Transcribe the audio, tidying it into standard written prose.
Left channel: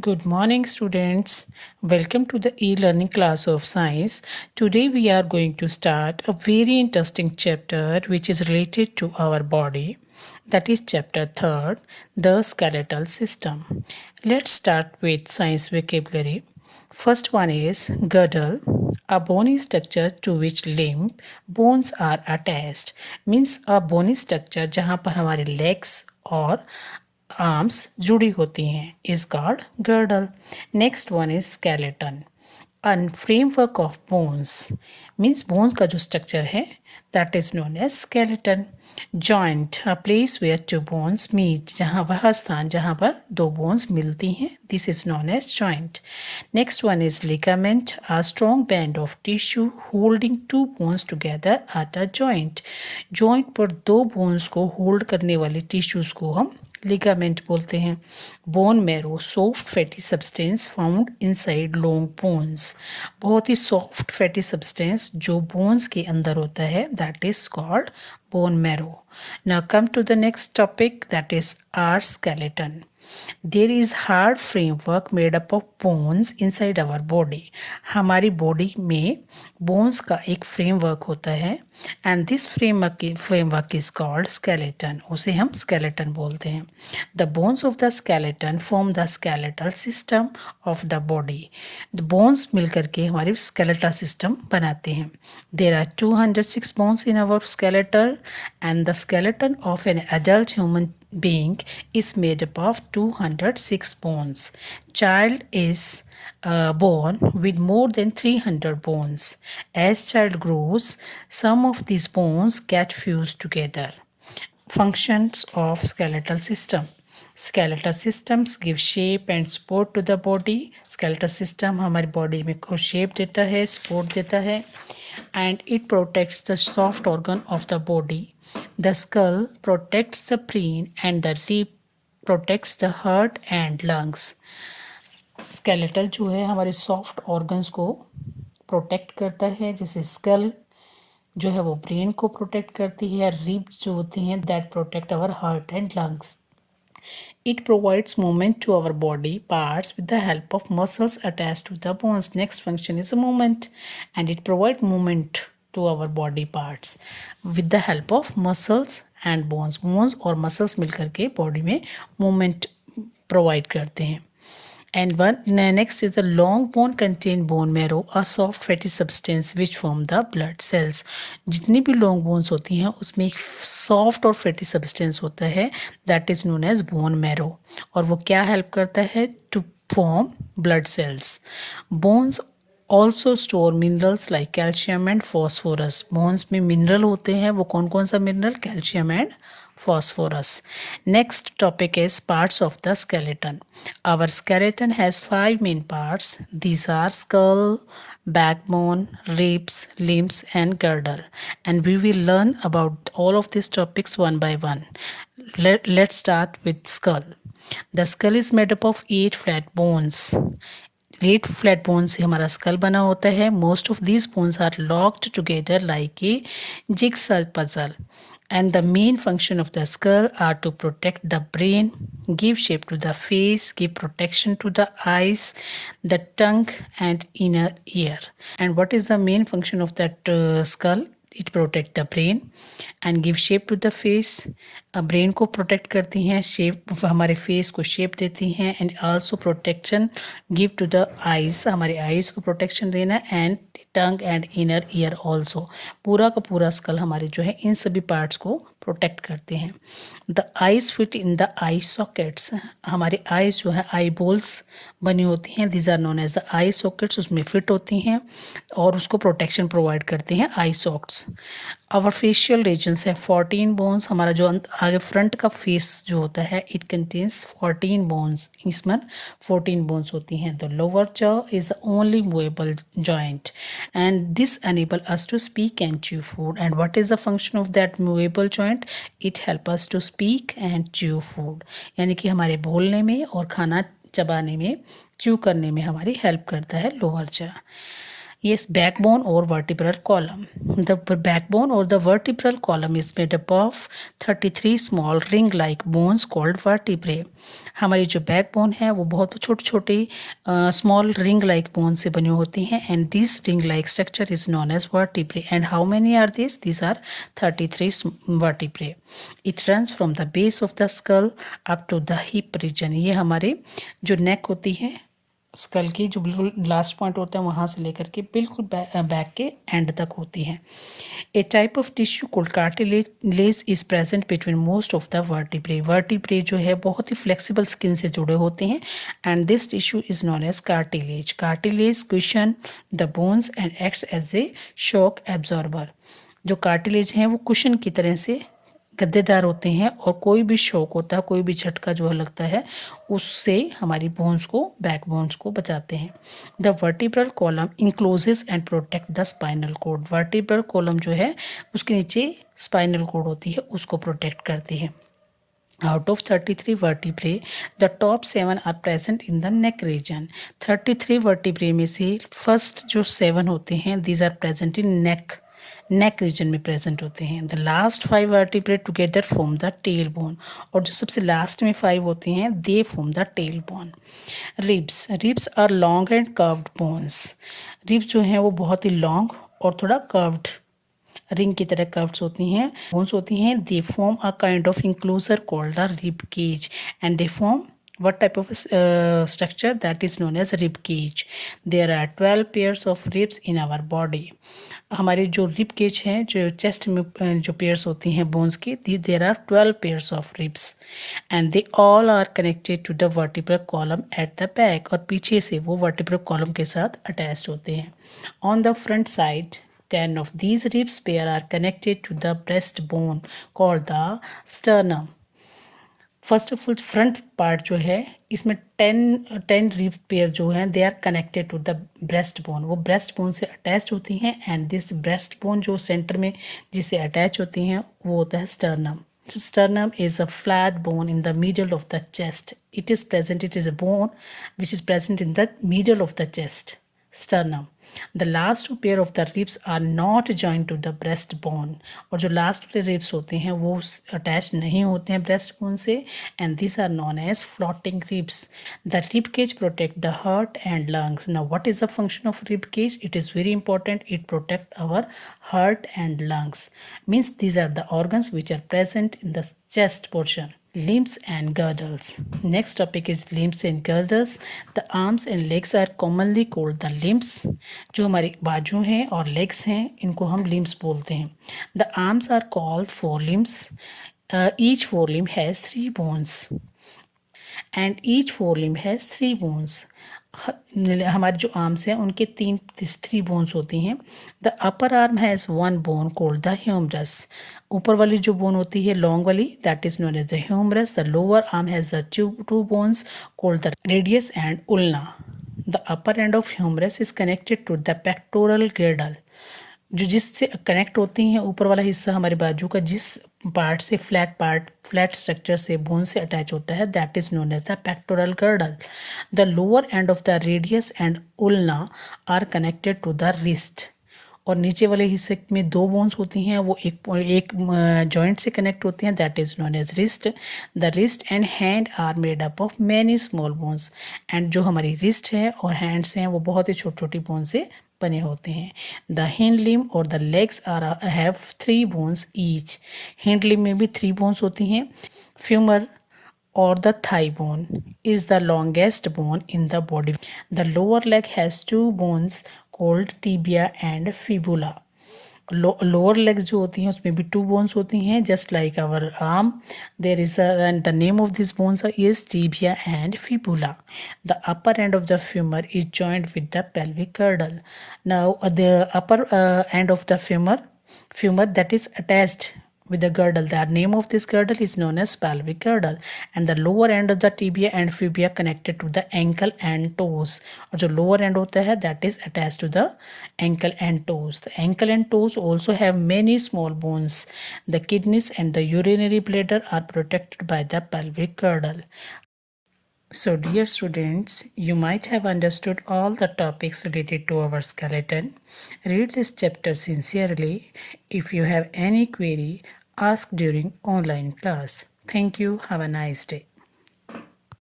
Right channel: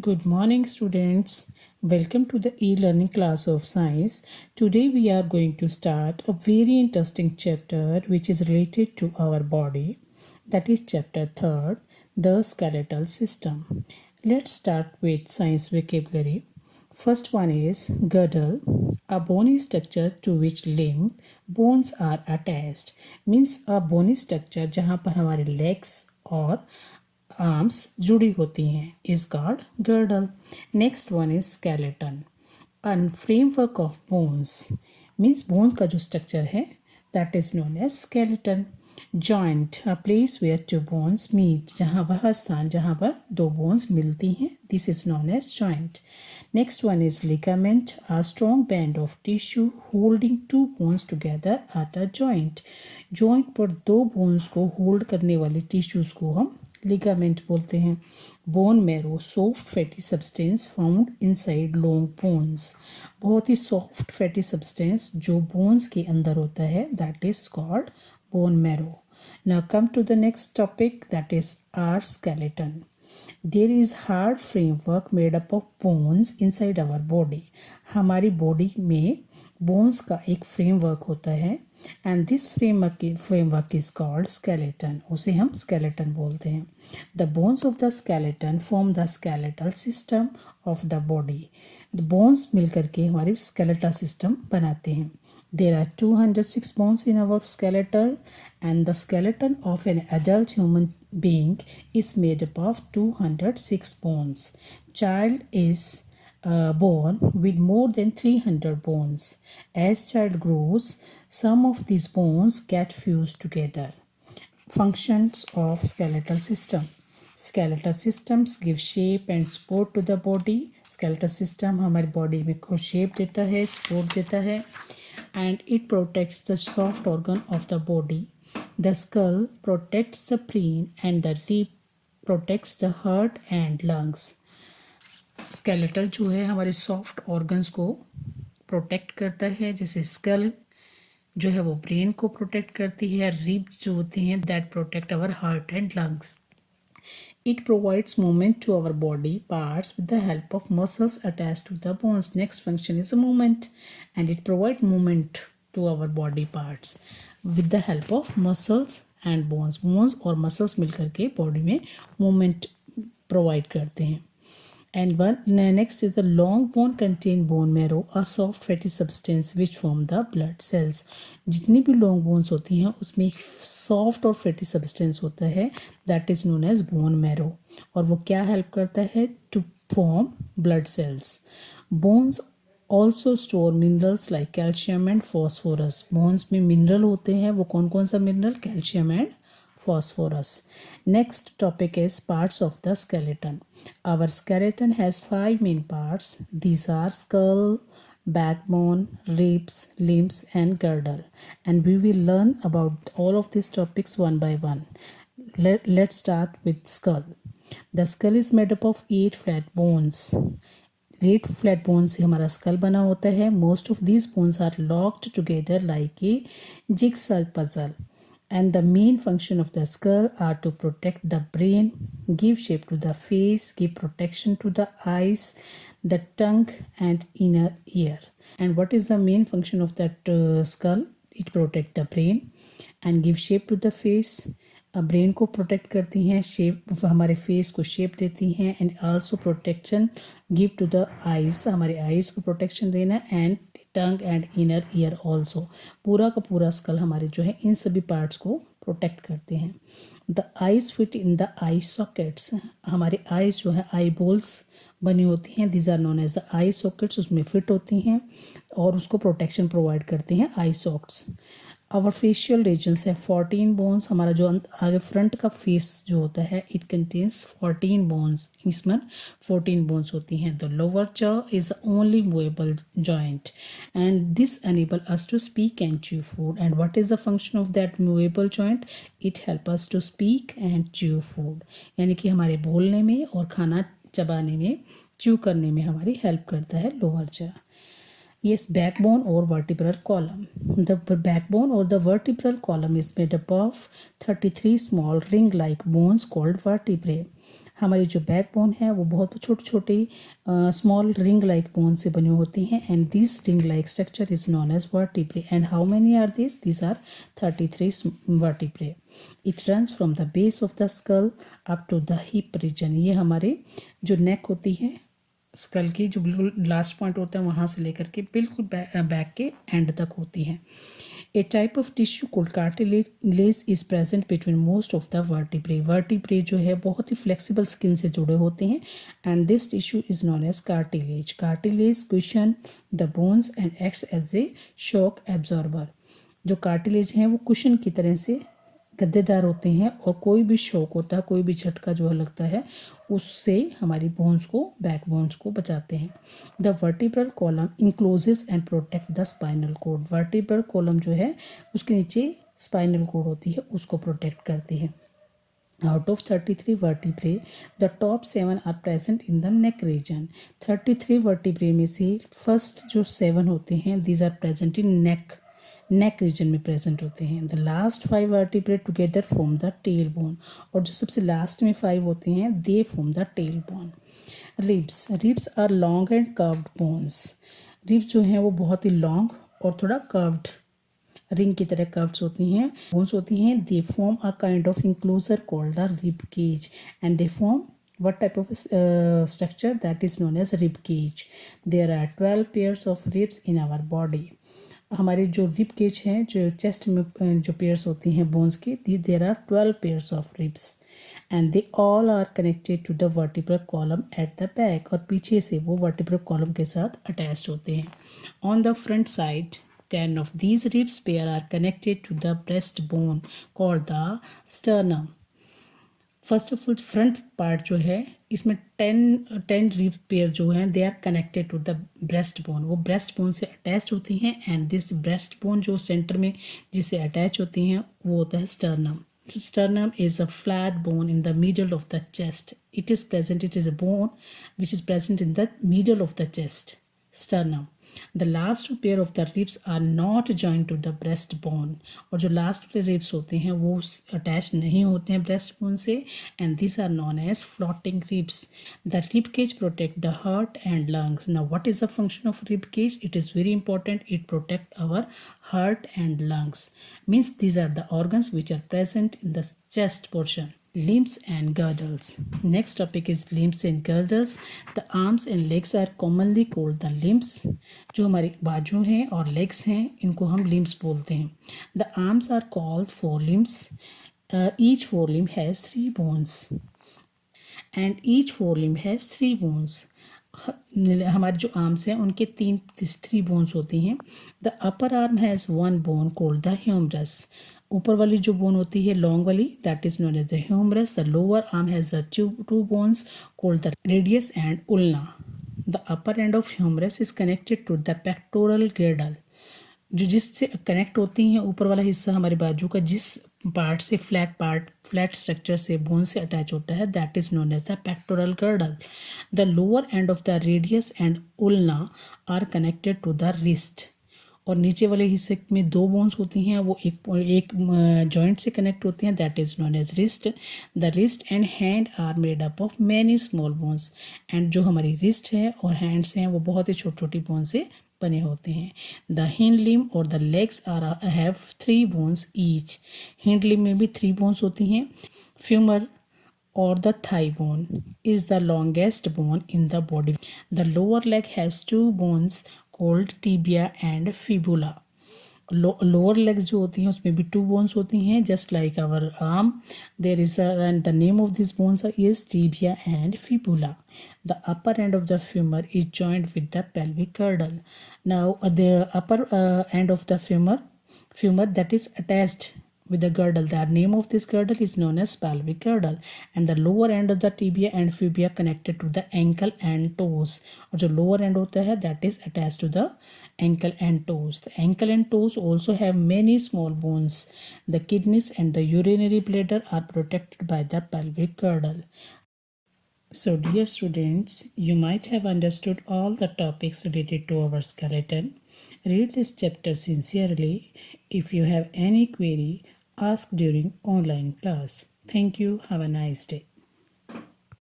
Good morning, students. Welcome to the e-learning class of science. Today we are going to start a very interesting chapter which is related to our body. That is chapter 3rd, the skeletal system. Let's start with science vocabulary. First one is girdle, a bony structure to which limb bones are attached. Means a bony structure जहाँ पर हमारे legs और arms जुड़ी होती हैं is called girdle. Next one is skeleton, a framework of bones. Means bones का जो structure है that is known as skeleton. Joint, a place where two bones meet, जहाँ वह स्थान जहाँ पर दो बोन्स मिलती हैं, this is known as joint. Next one is ligament, a strong band of tissue holding two bones together at a joint. Joint पर दो बोन्स को होल्ड करने वाले टिश्यूज को हम लिगामेंट बोलते हैं. Bone marrow, soft fatty substance found inside long bones. बहुत ही सॉफ्ट फैटी सब्सटेंस जो बोन्स के अंदर होता है that is called bone marrow. Now come to the next topic that is our skeleton. There is hard framework made up of bones inside our body. हमारी body में bones का एक framework होता है and this framework is called skeleton. उसे हम skeleton बोलते हैं. The bones of the skeleton form the skeletal system of the body. The bones मिलकर के हमारे स्केलेटल सिस्टम बनाते हैं. There are 206 bones in our skeleton and the skeleton of an adult human being is made up of 206 bones. Child is born with more than 300 bones. As child grows, some of these bones get fused together. Functions of skeletal system. Skeletal systems give shape and support to the body. Skeletal system हमारी body में को shape देता है, support देता है, and it protects the soft organ of the body. The skull protects the brain and the rib protects the heart and lungs. Skeletal जो है हमारे सॉफ्ट ऑर्गन्स को प्रोटेक्ट करता है, जैसे स्कल जो है वो ब्रेन को प्रोटेक्ट करती है, रिब जो होती हैं that protect our heart and lungs. It provides movement to our body parts with the help of muscles attached to the bones. Next function is a movement, and it provides movement to our body parts with the help of muscles and bones. Bones और muscles मिलकर के body में movement provide करते हैं. And next is the long bone contain bone marrow, a soft fatty substance which form the blood cells. जितनी भी long bones होती हैं उसमें एक soft और fatty substance होता है that is known as bone marrow, और वो क्या help करता है to form blood cells. Bones also store minerals like calcium and phosphorus. Bones में mineral होते हैं, वो कौन कौन सा mineral? Calcium and phosphorus. Next topic is parts of the skeleton. Our skeleton has 5 main parts. These are skull, backbone, ribs, limbs and girdle, and we will learn about all of these topics one by one. Let's start with skull. The skull is made up of 8 flat bones. 8 flat bones से हमारा school बना होता है. Most of these bones are locked together like a jigsaw puzzle. And the main function of the skull are to protect the brain, give shape to the face, give protection to the eyes, the tongue and inner ear. And what is the main function of that skull? It protect the brain and give shape to the face. Brain को protect करती हैं, shape हमारे face को shape देती हैं, and also protection give to the eyes, हमारे eyes को protection देना, and tongue and inner ear also. पूरा का पूरा स्कल हमारे जो है इन सभी पार्ट्स को प्रोटेक्ट करते हैं. The eyes fit in the eye sockets. हमारे आइज जो है आई बोल्स बनी होती हैं, these are known as the eye sockets, उसमें फिट होती हैं और उसको प्रोटेक्शन प्रोवाइड करती हैं eye sockets. Our facial regions है 14 बोन्स. हमारा जो आगे फ्रंट का फेस जो होता है इट कंटेन्स 14 बोन्स. इसमें 14 बोन्स होती हैं. The lower jaw is the only movable joint and this enable us to speak and chew food. And what is the function of that movable joint? It help us to speak and chew food, यानी कि हमारे बोलने में और खाना चबाने में, chew करने में हमारी हेल्प करता है lower jaw. Yes, backbone or vertebral column. The backbone or the vertebral column is made up of 33 small ring-like bones called vertebrae. हमारी जो बैक बोन है वो बहुत छोटे छोटे स्मॉल रिंग लाइक बोन से बनी होती हैं and this ring like structure is known as vertebrae and how many are this these are 33 vertebrae. It runs from the base of the skull up to the hip region. ये हमारे जो नेक होती है school की जो बिल्कुल last point होता है वहाँ से लेकर के बिल्कुल बैक के एंड तक होती हैं. A type of tissue called cartilage is present between most of the vertebrae. Vertebrae जो है बहुत ही flexible skin से जुड़े होते हैं and this tissue is known as cartilage. Cartilage cushion the bones and acts as a shock absorber. जो cartilage हैं वो कुशन की तरह से गद्देदार होते हैं और कोई भी शॉक होता है, कोई भी झटका जो लगता है उससे हमारी बोन्स को, बैक बोन्स को बचाते हैं. The vertebral column encloses and protect the spinal cord. Vertebral column जो है उसके नीचे स्पाइनल कोड होती है, उसको प्रोटेक्ट करती है. Out of 33 vertebrae, the top 7 are present in the neck region. 33 vertebrae में से फर्स्ट जो 7 होते हैं these are present in neck region में प्रेजेंट होते हैं. The last 5 vertebrae together form the tail bone. और जो सबसे लास्ट में 5 होती हैं they form the tail bone. Ribs are long and curved bones. Ribs जो हैं वो बहुत ही लॉन्ग और थोड़ा कर्व्ड रिंग की तरह कर्व्स होती हैं, बोन्स होती हैं. They form a kind of enclosure called the rib cage and they form what type of structure that is known as rib cage. There are 12 pairs of ribs in our body. हमारे जो rib cage हैं, जो chest में जो pairs होती हैं bones की, there are 12 pairs of ribs and they all are connected to the vertebral column at the back. और पीछे से वो वर्टिब्रल कॉलम के साथ अटैच होते हैं. On the front side 10 of these ribs pair are connected to the breastbone called the sternum. First of all front part जो है इसमें 10 रिब पेयर जो हैं they are connected to the breast bone. वो breast bone से attach होती हैं and this breast bone जो सेंटर में जिससे अटैच होती हैं वो होता है sternum. Sternum is a flat bone in the middle of the chest. It is a bone which is present in the middle of the chest. Sternum. The last 2 pair of the ribs are not joined to the breastbone. और जो last वाले ribs होते हैं वो attach नहीं होते हैं breast bone से and these are known as floating ribs. The rib cage protect the heart and lungs. Now what is the function of rib cage? It is very important. It protect our heart and lungs. Means these are the organs which are present in the chest portion. Limbs and girdles. Next topic is limbs and girdles. The arms and legs are commonly called the limbs. जो हमारी बाजू हैं और legs हैं इनको हम limbs बोलते हैं. The arms are called forelimbs. Each forelimb has 3 bones. And each forelimb has 3 bones. हमारे जो आर्म्स हैं उनके 3 बोन्स होती हैं. The upper arm has 1 bone called the humerus. ऊपर वाली जो बोन होती है लॉन्ग वाली that is known as the humerus. The lower arm has the 2 bones called the radius and ulna. The upper end of humerus is connected to the pectoral girdle. जो जिससे connect होती हैं ऊपर वाला हिस्सा हमारे बाजू का जिस पार्ट से फ्लैट स्ट्रक्चर से बोन से अटैच होता है that is known as the pectoral girdle. The lower end of the radius and ulna are connected to the wrist. और नीचे वाले हिस्से में 2 बोन्स होती हैं वो एक जॉइंट से कनेक्ट होती हैं that is known as wrist. The wrist and hand are made up of many small bones. And जो हमारी रिस्ट है और हैंड्स हैं वो बहुत ही छोटी छोटी बोन से बने होते हैं. द हिंड लिम्ब और the legs are have 3 bones each. Hind limb में भी 3 बोन्स होती हैं. फ्यूमर और the thigh bone is the longest bone in the body. The lower leg has 2 bones called tibia and fibula. Lower legs जो होती हैं उसमें भी 2 बोन्स होती हैं just like our arm. There is and the name of this bones is tibia and fibula. The upper end of the femur is joined with the pelvic girdle. Now the upper end of the femur that is attached with the girdle. The name of this girdle is known as pelvic girdle. And the lower end of the tibia and fibula connected to the ankle and toes. और जो lower end होता है that is attached to the ankle and toes. The ankle and toes also have many small bones. The kidneys and the urinary bladder are protected by the pelvic girdle. So dear students, you might have understood all the topics related to our skeleton. Read this chapter sincerely. If you have any query, ask during online class. Thank you. Have a nice day.